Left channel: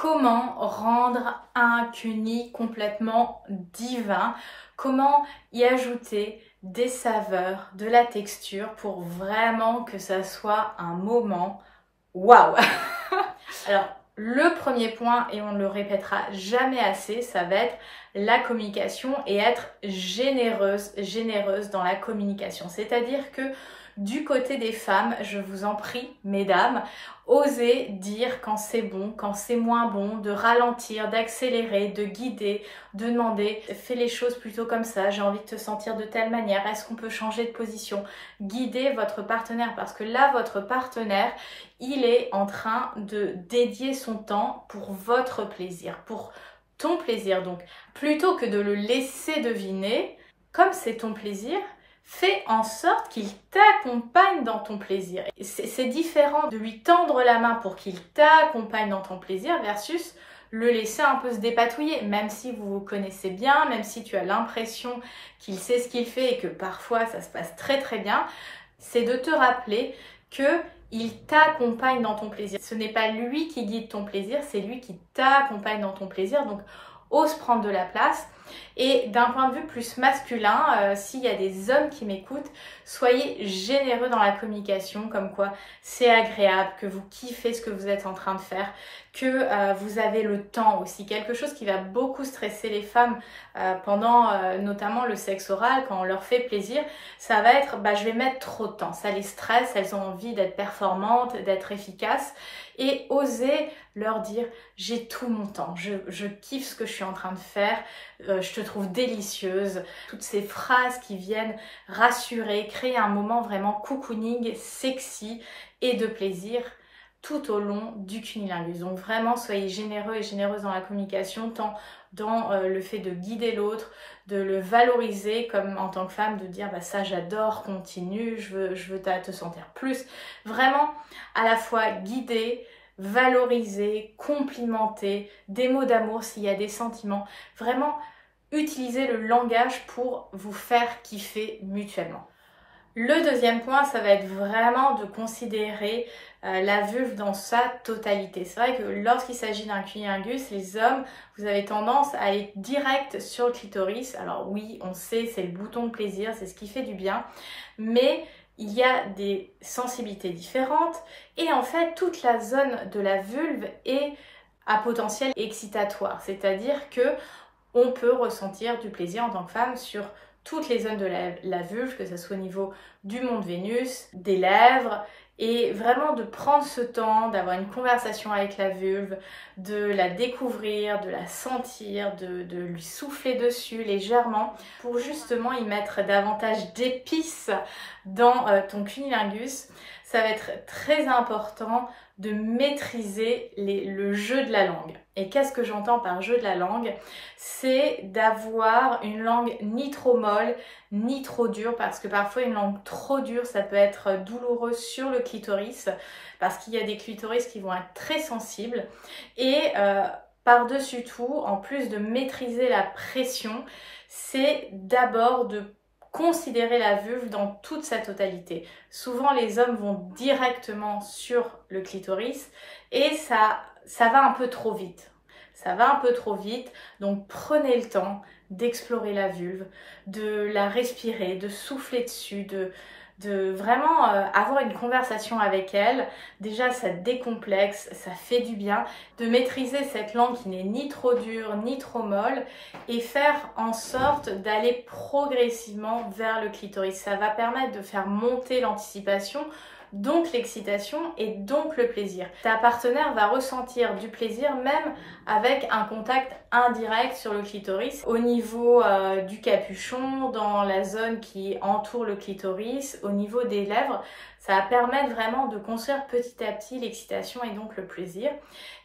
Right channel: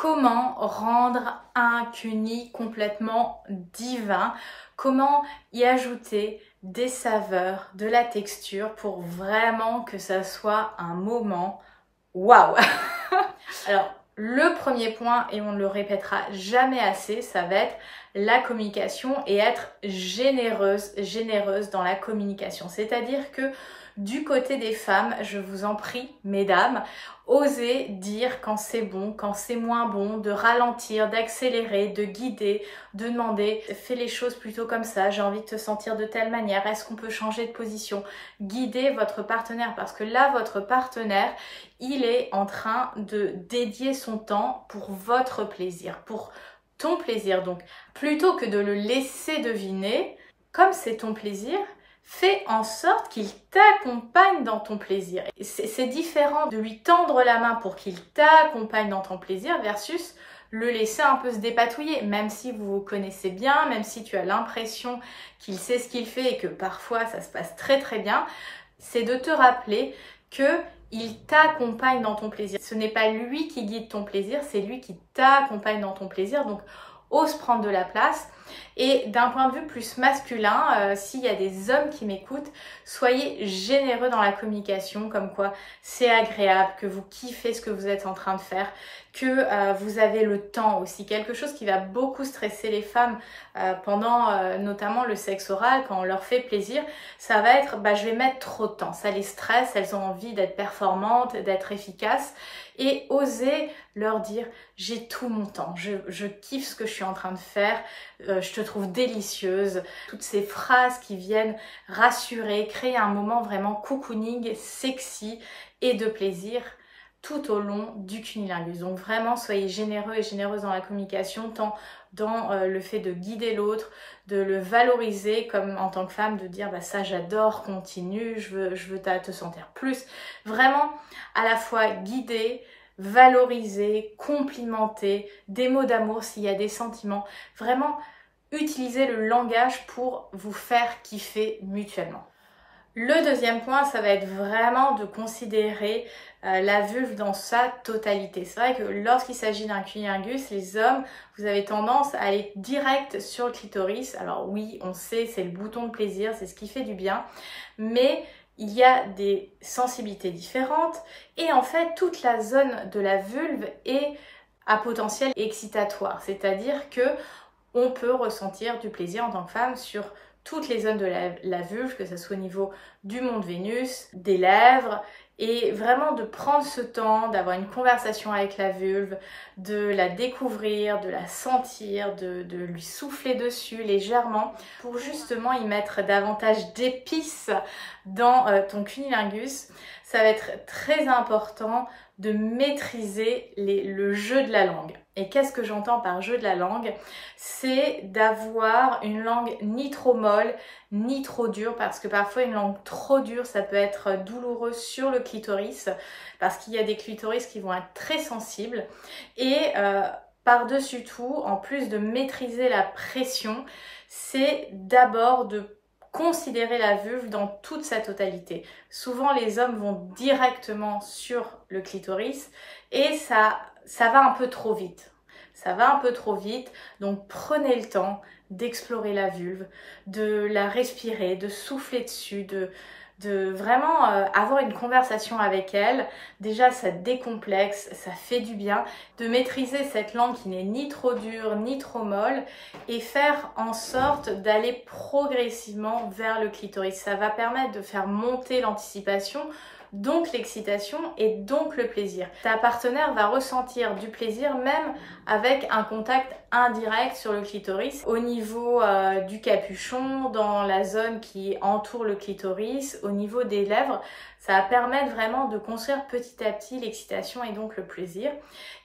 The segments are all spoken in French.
comment rendre un cuni complètement divin, comment y ajouter des saveurs, de la texture pour vraiment que ça soit un moment waouh. Alors, le premier point, et on ne le répétera jamais assez, ça va être la communication et être généreuse dans la communication. C'est-à-dire que du côté des femmes, je vous en prie, mesdames, osez dire quand c'est bon, quand c'est moins bon, de ralentir, d'accélérer, de guider, de demander « fais les choses plutôt comme ça, j'ai envie de te sentir de telle manière, est-ce qu'on peut changer de position ?» Guidez votre partenaire parce que là, votre partenaire, il est en train de dédier son temps pour votre plaisir, pour ton plaisir. Donc, plutôt que de le laisser deviner, comme c'est ton plaisir, fais en sorte qu'il t'accompagne dans ton plaisir. C'est différent de lui tendre la main pour qu'il t'accompagne dans ton plaisir versus le laisser un peu se dépatouiller, même si vous vous connaissez bien, même si tu as l'impression qu'il sait ce qu'il fait et que parfois ça se passe très très bien, c'est de te rappeler que il t'accompagne dans ton plaisir. Ce n'est pas lui qui guide ton plaisir, c'est lui qui t'accompagne dans ton plaisir. Donc, ose prendre de la place. Et d'un point de vue plus masculin, s'il y a des hommes qui m'écoutent, soyez généreux dans la communication, comme quoi c'est agréable, que vous kiffez ce que vous êtes en train de faire, que vous avez le temps aussi. Quelque chose qui va beaucoup stresser les femmes pendant notamment le sexe oral, quand on leur fait plaisir, ça va être je vais mettre trop de temps. Ça les stresse, elles ont envie d'être performantes, d'être efficaces. Et oser leur dire j'ai tout mon temps, je kiffe ce que je suis en train de faire, je te trouve délicieuse. Toutes ces phrases qui viennent rassurer, créer un moment vraiment cocooning, sexy et de plaisir tout au long du cunilingus. Donc vraiment, soyez généreux et généreuse dans la communication, tant dans le fait de guider l'autre, de le valoriser comme en tant que femme, de dire ça j'adore, continue, je veux te sentir plus. Vraiment à la fois guider, valoriser, complimenter, des mots d'amour s'il y a des sentiments. Vraiment utiliser le langage pour vous faire kiffer mutuellement. Le deuxième point, ça va être vraiment de considérer la vulve dans sa totalité. C'est vrai que lorsqu'il s'agit d'un cunilingus, les hommes, vous avez tendance à aller direct sur le clitoris. Alors oui, on sait, c'est le bouton de plaisir, c'est ce qui fait du bien, mais il y a des sensibilités différentes et en fait, toute la zone de la vulve est à potentiel excitatoire. C'est-à-dire que on peut ressentir du plaisir en tant que femme sur toutes les zones de la vulve, que ce soit au niveau du mont de Vénus, des lèvres, et vraiment de prendre ce temps, d'avoir une conversation avec la vulve, de la découvrir, de la sentir, de lui souffler dessus légèrement pour justement y mettre davantage d'épices dans ton cunilingus. Ça va être très important de maîtriser le jeu de la langue. Et qu'est-ce que j'entends par jeu de la langue? C'est d'avoir une langue ni trop molle, ni trop dure, parce que parfois une langue trop dure, ça peut être douloureux sur le clitoris, parce qu'il y a des clitoris qui vont être très sensibles. Et par-dessus tout, en plus de maîtriser la pression, c'est d'abord de considérer la vulve dans toute sa totalité. Souvent, les hommes vont directement sur le clitoris et ça va un peu trop vite. Ça va un peu trop vite, donc prenez le temps d'explorer la vulve, de la respirer, de souffler dessus, de vraiment avoir une conversation avec elle. Déjà, ça décomplexe, ça fait du bien. De maîtriser cette langue qui n'est ni trop dure, ni trop molle et faire en sorte d'aller progressivement vers le clitoris. Ça va permettre de faire monter l'anticipation, donc l'excitation et donc le plaisir. Ta partenaire va ressentir du plaisir même avec un contact indirect sur le clitoris au niveau du capuchon, dans la zone qui entoure le clitoris, au niveau des lèvres. Ça va permettre vraiment de construire petit à petit l'excitation et donc le plaisir.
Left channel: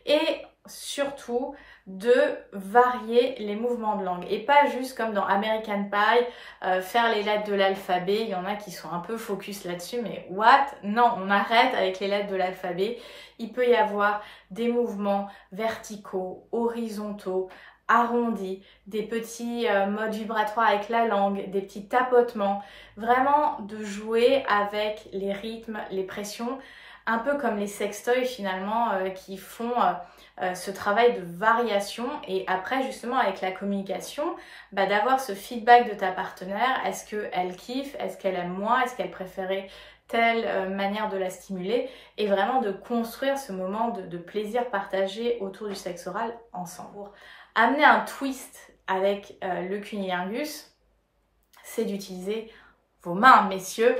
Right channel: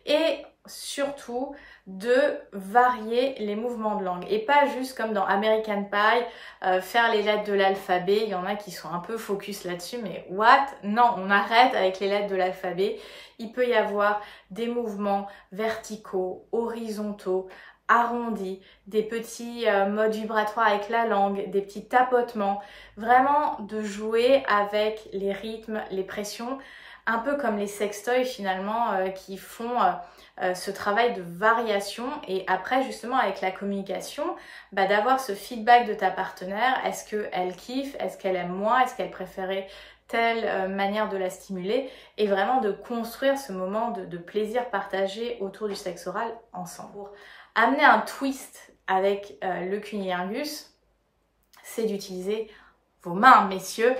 Et surtout de varier les mouvements de langue et pas juste comme dans American Pie, faire les lettres de l'alphabet. Il y en a qui sont un peu focus là-dessus, mais what? Non, on arrête avec les lettres de l'alphabet. Il peut y avoir des mouvements verticaux, horizontaux, arrondis, des petits modes vibratoires avec la langue, des petits tapotements, vraiment de jouer avec les rythmes, les pressions, un peu comme les sextoys finalement qui font ce travail de variation et après justement avec la communication, d'avoir ce feedback de ta partenaire. Est-ce qu'elle kiffe? Est-ce qu'elle aime moins? Est-ce qu'elle préférait telle manière de la stimuler? Et vraiment de construire ce moment de plaisir partagé autour du sexe oral ensemble. Pour amener un twist avec le cunnilingus, c'est d'utiliser vos mains, messieurs.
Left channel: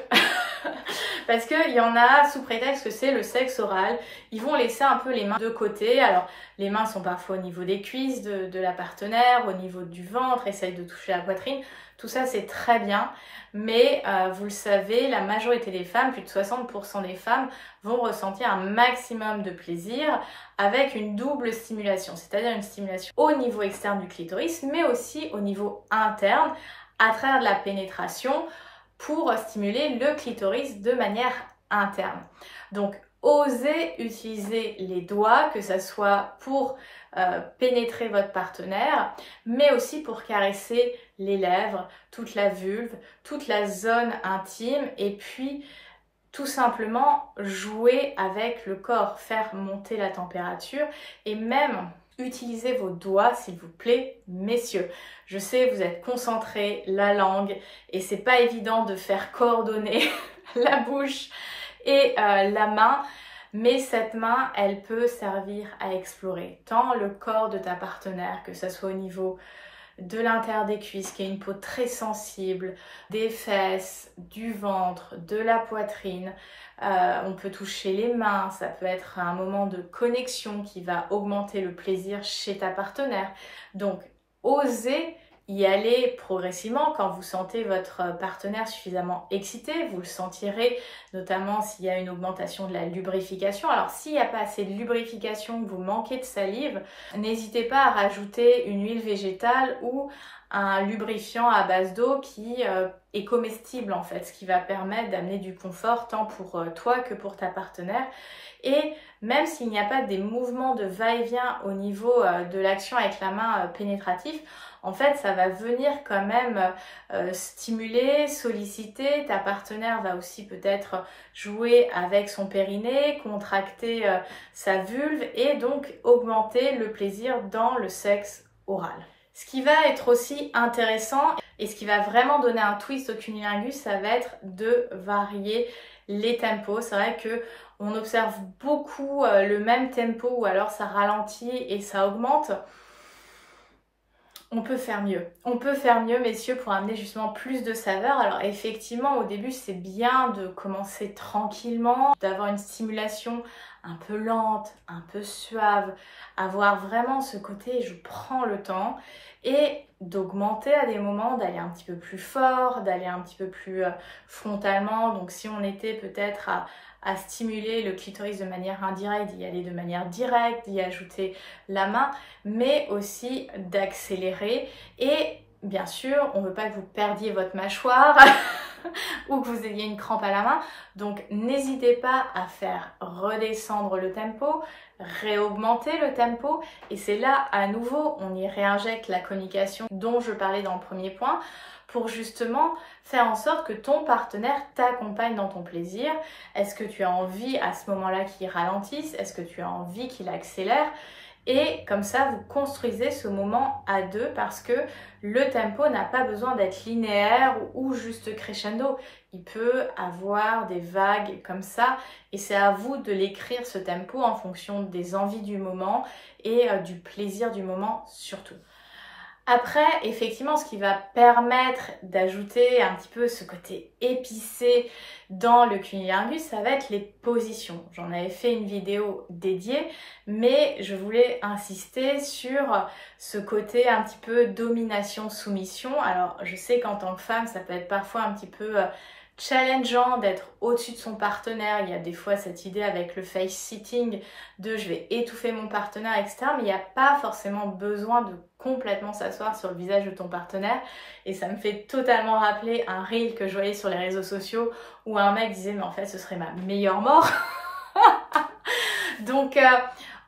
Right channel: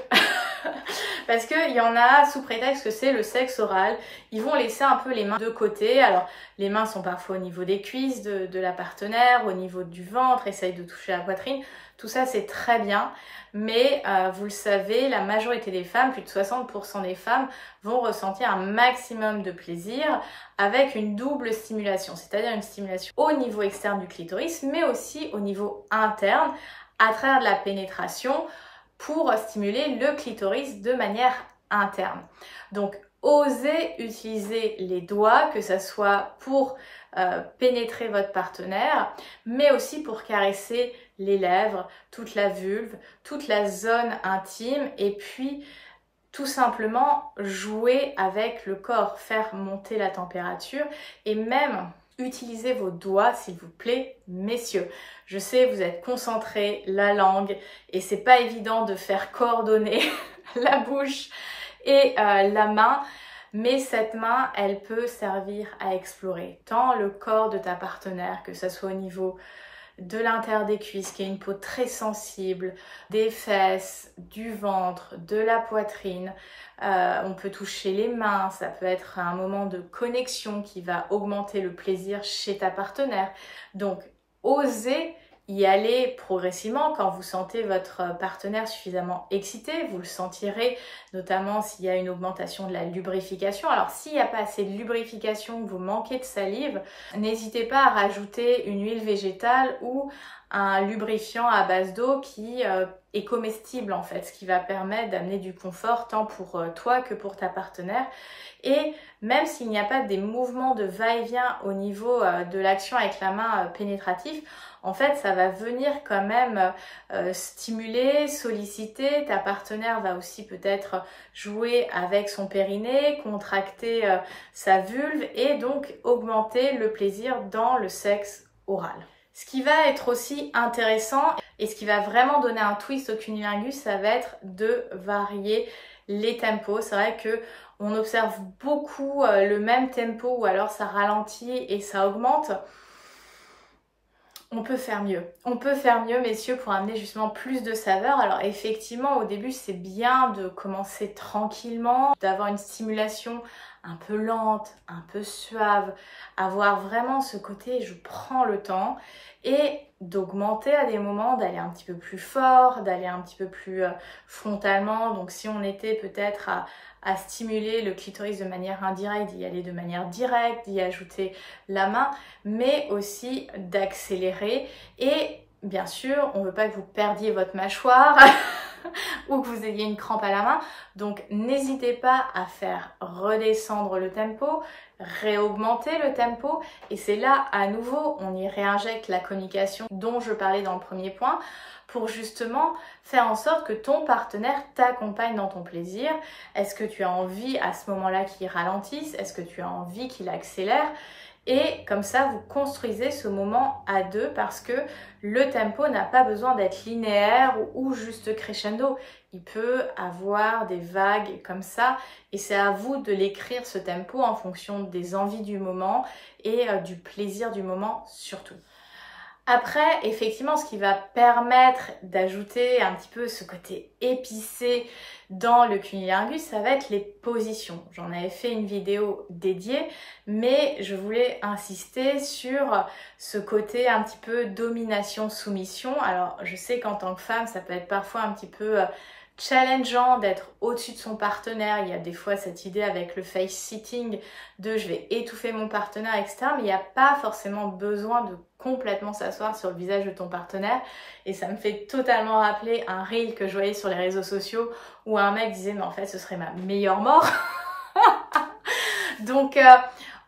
Parce qu'il y en a, sous prétexte que c'est le sexe oral, ils vont laisser un peu les mains de côté. Alors, les mains sont parfois au niveau des cuisses de la partenaire, au niveau du ventre, essayent de toucher la poitrine. Tout ça, c'est très bien. Mais vous le savez, la majorité des femmes, plus de 60% des femmes, vont ressentir un maximum de plaisir avec une double stimulation. C'est-à-dire une stimulation au niveau externe du clitoris, mais aussi au niveau interne, à travers de la pénétration, pour stimuler le clitoris de manière interne. Donc, osez utiliser les doigts, que ce soit pour pénétrer votre partenaire, mais aussi pour caresser les lèvres, toute la vulve, toute la zone intime, et puis tout simplement jouer avec le corps, faire monter la température et même utilisez vos doigts, s'il vous plaît, messieurs. Je sais, vous êtes concentrés, la langue, et c'est pas évident de faire coordonner la bouche et la main, mais cette main, elle peut servir à explorer tant le corps de ta partenaire, que ce soit au niveau de l'intérieur des cuisses, qui est une peau très sensible, des fesses, du ventre, de la poitrine. On peut toucher les mains, ça peut être un moment de connexion qui va augmenter le plaisir chez ta partenaire. Donc, osez y aller progressivement quand vous sentez votre partenaire suffisamment excité. Vous le sentirez notamment s'il y a une augmentation de la lubrification. Alors s'il n'y a pas assez de lubrification, que vous manquez de salive, n'hésitez pas à rajouter une huile végétale ou un lubrifiant à base d'eau qui est comestible en fait, ce qui va permettre d'amener du confort tant pour toi que pour ta partenaire. Et même s'il n'y a pas des mouvements de va-et-vient au niveau de l'action avec la main pénétrative, en fait, ça va venir quand même stimuler, solliciter. Ta partenaire va aussi peut-être jouer avec son périnée, contracter sa vulve et donc augmenter le plaisir dans le sexe oral. Ce qui va être aussi intéressant et ce qui va vraiment donner un twist au cunnilingus, ça va être de varier les tempos. C'est vrai que on observe beaucoup le même tempo ou alors ça ralentit et ça augmente. On peut faire mieux. On peut faire mieux, messieurs, pour amener justement plus de saveur. Alors effectivement, au début, c'est bien de commencer tranquillement, d'avoir une stimulation un peu lente, un peu suave, avoir vraiment ce côté je prends le temps et d'augmenter à des moments, d'aller un petit peu plus fort, d'aller un petit peu plus frontalement. Donc si on était peut-être à stimuler le clitoris de manière indirecte, d'y aller de manière directe, d'y ajouter la main, mais aussi d'accélérer. Et bien sûr, on ne veut pas que vous perdiez votre mâchoire ou que vous ayez une crampe à la main. Donc n'hésitez pas à faire redescendre le tempo, réaugmenter le tempo. Et c'est là, à nouveau, on y réinjecte la communication dont je parlais dans le premier point, pour justement faire en sorte que ton partenaire t'accompagne dans ton plaisir. Est-ce que tu as envie à ce moment-là qu'il ralentisse? Est-ce que tu as envie qu'il accélère? Et comme ça, vous construisez ce moment à deux parce que le tempo n'a pas besoin d'être linéaire ou juste crescendo. Il peut avoir des vagues comme ça et c'est à vous de l'écrire ce tempo en fonction des envies du moment et du plaisir du moment surtout. Après, effectivement, ce qui va permettre d'ajouter un petit peu ce côté épicé dans le cunnilingus, ça va être les positions. J'en avais fait une vidéo dédiée, mais je voulais insister sur ce côté un petit peu domination-soumission. Alors, je sais qu'en tant que femme, ça peut être parfois un petit peu challengeant d'être au-dessus de son partenaire. Il y a des fois cette idée avec le face-sitting de je vais étouffer mon partenaire, etc. Mais il n'y a pas forcément besoin de complètement s'asseoir sur le visage de ton partenaire. Et ça me fait totalement rappeler un reel que je voyais sur les réseaux sociaux où un mec disait mais en fait ce serait ma meilleure mort. Donc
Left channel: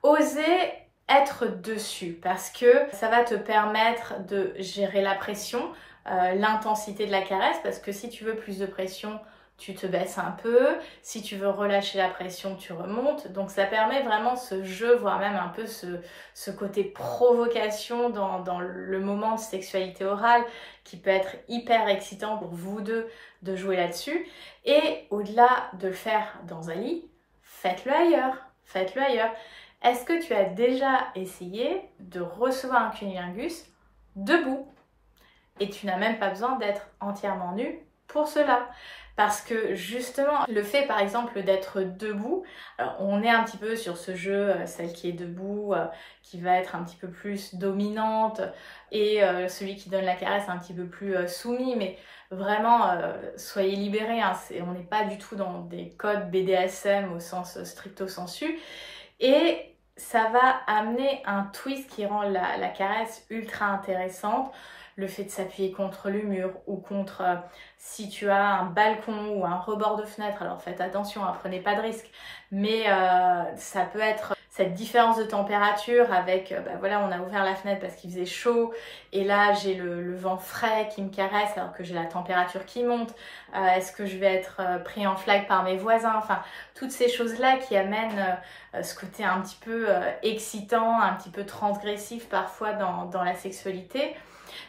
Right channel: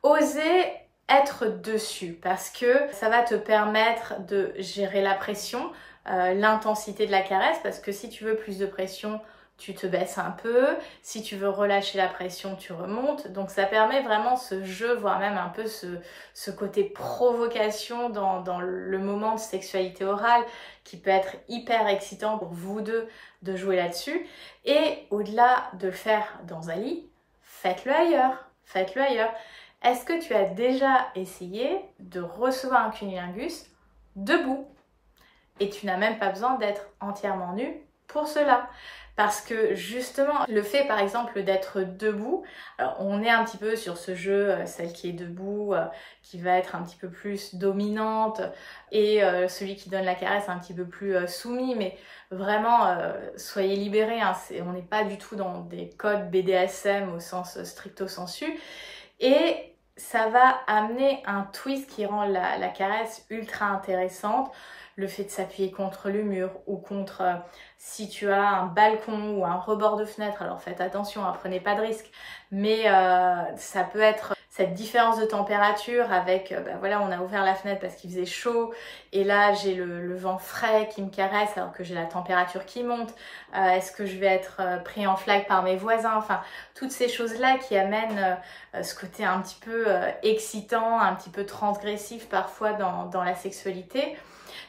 osez être dessus parce que ça va te permettre de gérer la pression, l'intensité de la caresse, parce que si tu veux plus de pression, tu te baisses un peu. Si tu veux relâcher la pression, tu remontes. Donc ça permet vraiment ce jeu, voire même un peu ce côté provocation dans le moment de sexualité orale qui peut être hyper excitant pour vous deux de jouer là-dessus. Et au-delà de le faire dans un lit, faites-le ailleurs. Faites-le ailleurs. Est-ce que tu as déjà essayé de recevoir un cunnilingus debout? Et tu n'as même pas besoin d'être entièrement nu pour cela. Parce que justement, le fait par exemple d'être debout, alors on est un petit peu sur ce jeu, celle qui est debout, qui va être un petit peu plus dominante, et celui qui donne la caresse un petit peu plus soumis, mais vraiment, soyez libérés, hein, on n'est pas du tout dans des codes BDSM au sens stricto sensu, et ça va amener un twist qui rend la caresse ultra intéressante. Le fait de s'appuyer contre le mur ou contre, si tu as un balcon ou un rebord de fenêtre, alors faites attention, hein, prenez pas de risques, mais ça peut être cette différence de température avec, voilà, on a ouvert la fenêtre parce qu'il faisait chaud et là j'ai le vent frais qui me caresse alors que j'ai la température qui monte. Est-ce que je vais être pris en flag par mes voisins? Enfin, toutes ces choses-là qui amènent ce côté un petit peu excitant, un petit peu transgressif parfois dans la sexualité.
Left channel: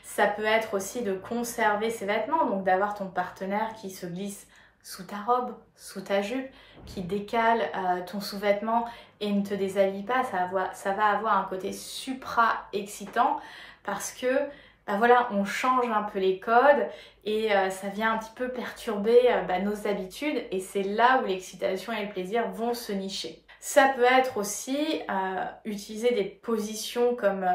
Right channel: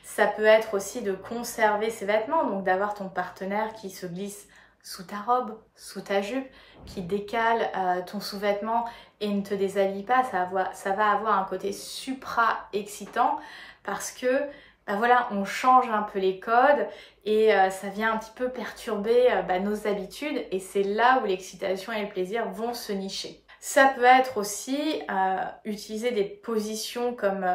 Ça peut être aussi de conserver ses vêtements, donc d'avoir ton partenaire qui se glisse sous ta robe, sous ta jupe, qui décale ton sous-vêtement et ne te déshabille pas. Ça va avoir un côté supra-excitant parce que voilà, on change un peu les codes et ça vient un petit peu perturber nos habitudes, et c'est là où l'excitation et le plaisir vont se nicher. Ça peut être aussi utiliser des positions comme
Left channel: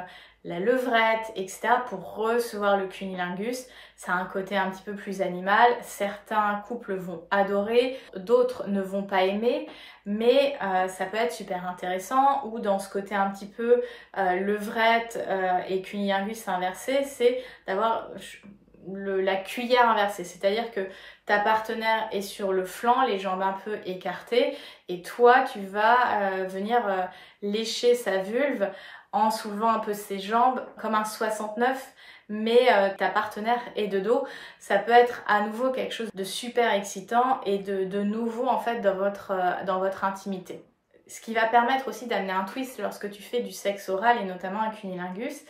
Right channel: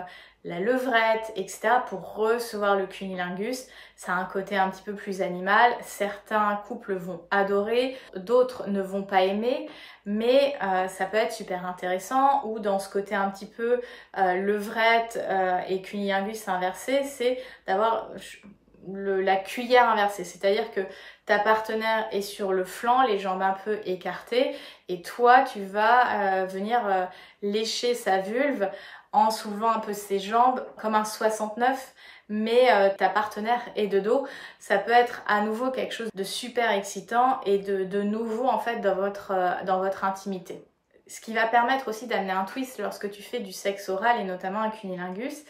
la levrette, etc. pour recevoir le cunnilingus. Ça a un côté un petit peu plus animal. Certains couples vont adorer, d'autres ne vont pas aimer, mais ça peut être super intéressant. Ou dans ce côté un petit peu levrette et cunnilingus inversé, c'est d'avoir la cuillère inversée, c'est-à-dire que ta partenaire est sur le flanc, les jambes un peu écartées, et toi tu vas venir lécher sa vulve en soulevant un peu ses jambes comme un 69, mais ta partenaire est de dos. Ça peut être à nouveau quelque chose de super excitant et de nouveau en fait dans votre intimité. Ce qui va permettre aussi d'amener un twist lorsque tu fais du sexe oral et notamment un cunnilingus,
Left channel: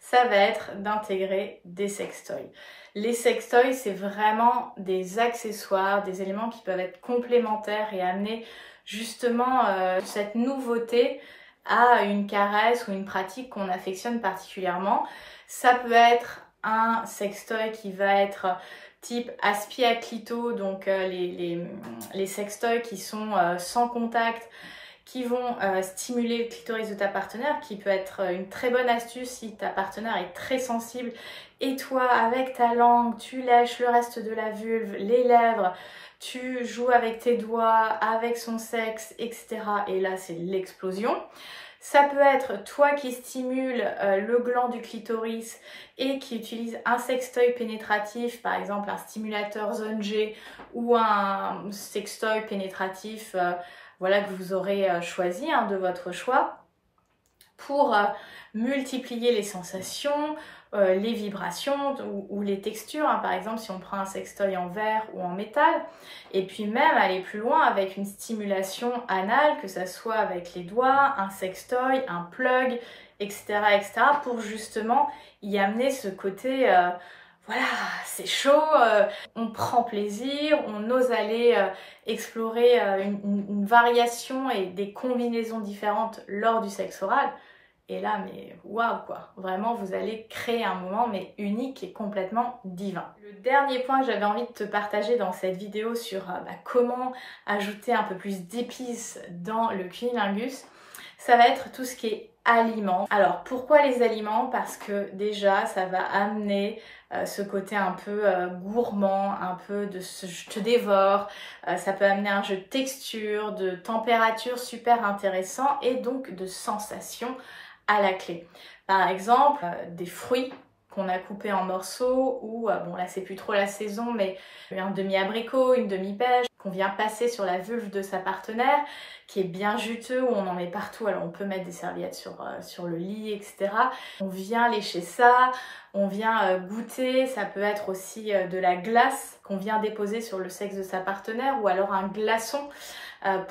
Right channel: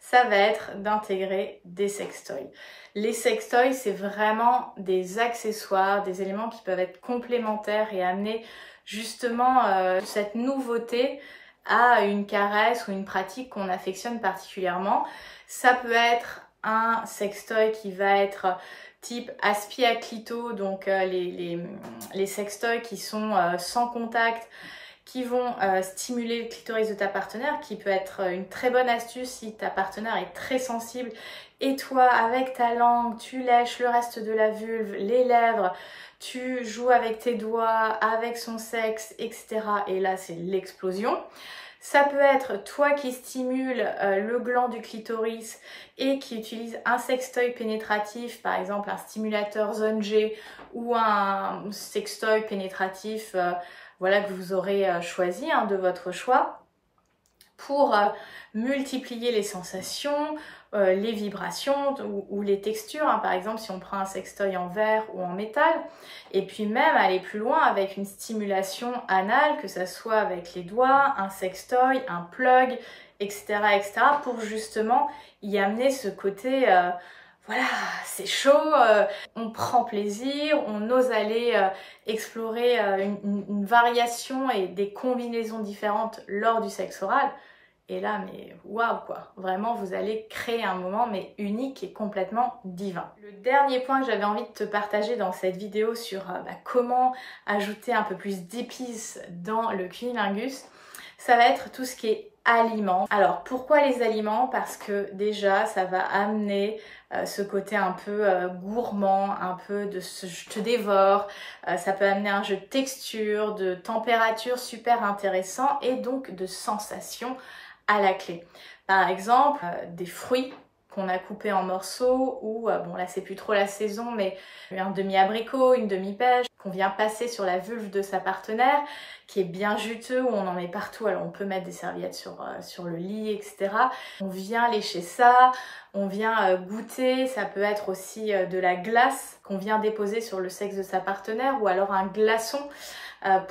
ça va être d'intégrer des sextoys. Les sextoys, c'est vraiment des accessoires, des éléments qui peuvent être complémentaires et amener justement cette nouveauté à une caresse ou une pratique qu'on affectionne particulièrement. Ça peut être un sextoy qui va être type aspi à clito, donc les sextoys qui sont sans contact, qui vont stimuler le clitoris de ta partenaire, qui peut être une très bonne astuce si ta partenaire est très sensible et toi, avec ta langue, tu lèches le reste de la vulve, les lèvres, tu joues avec tes doigts, avec son sexe, etc. Et là, c'est l'explosion. Ça peut être toi qui stimule le gland du clitoris et qui utilise un sextoy pénétratif, par exemple un stimulateur zone G ou un sextoy pénétratif voilà, que vous aurez choisi de votre choix pour multiplier les sensations, les vibrations ou les textures, par exemple si on prend un sextoy en verre ou en métal, et puis même aller plus loin avec une stimulation anale, que ça soit avec les doigts, un sextoy, un plug, etc., etc., pour justement y amener ce côté voilà, c'est chaud, on prend plaisir, on ose aller explorer une variation et des combinaisons différentes lors du sexe oral. Et là, mais waouh quoi, vraiment vous allez créer un moment mais unique et complètement divin. Le dernier point que j'avais envie de te partager dans cette vidéo sur comment ajouter un peu plus d'épices dans le cunnilingus, ça va être tout ce qui est aliments. Alors pourquoi les aliments? Parce que déjà ça va amener ce côté un peu gourmand, un peu de je te dévore, ça peut amener un jeu de texture, de température super intéressant et donc de sensations à la clé. Par exemple, des fruits qu'on a coupés en morceaux ou, bon là c'est plus trop la saison, mais un demi-abricot, une demi-pêche qu'on vient passer sur la vulve de sa partenaire qui est bien juteux, où on en met partout. Alors on peut mettre des serviettes sur le lit, etc. On vient lécher ça, on vient goûter, ça peut être aussi de la glace qu'on vient déposer sur le sexe de sa partenaire, ou alors un glaçon alors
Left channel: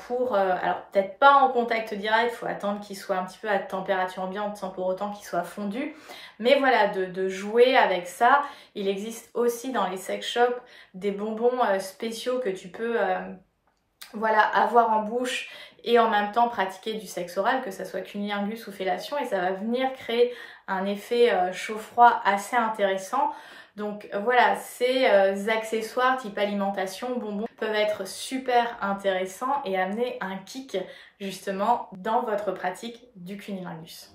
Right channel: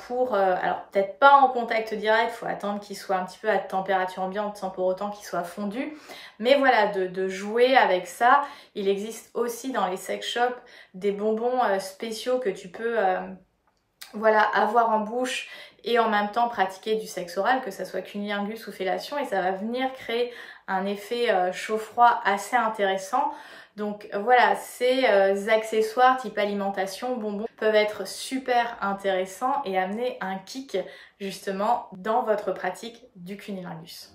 peut-être pas en contact direct, il faut attendre qu'il soit un petit peu à température ambiante sans pour autant qu'il soit fondu. Mais voilà, de jouer avec ça. Il existe aussi dans les sex shops des bonbons spéciaux que tu peux voilà, avoir en bouche et en même temps pratiquer du sexe oral, que ça soit cunnilingus ou fellation, et ça va venir créer un effet chaud-froid assez intéressant. Donc voilà, ces accessoires type alimentation, bonbons peuvent être super intéressants et amener un kick justement dans votre pratique du cunnilingus.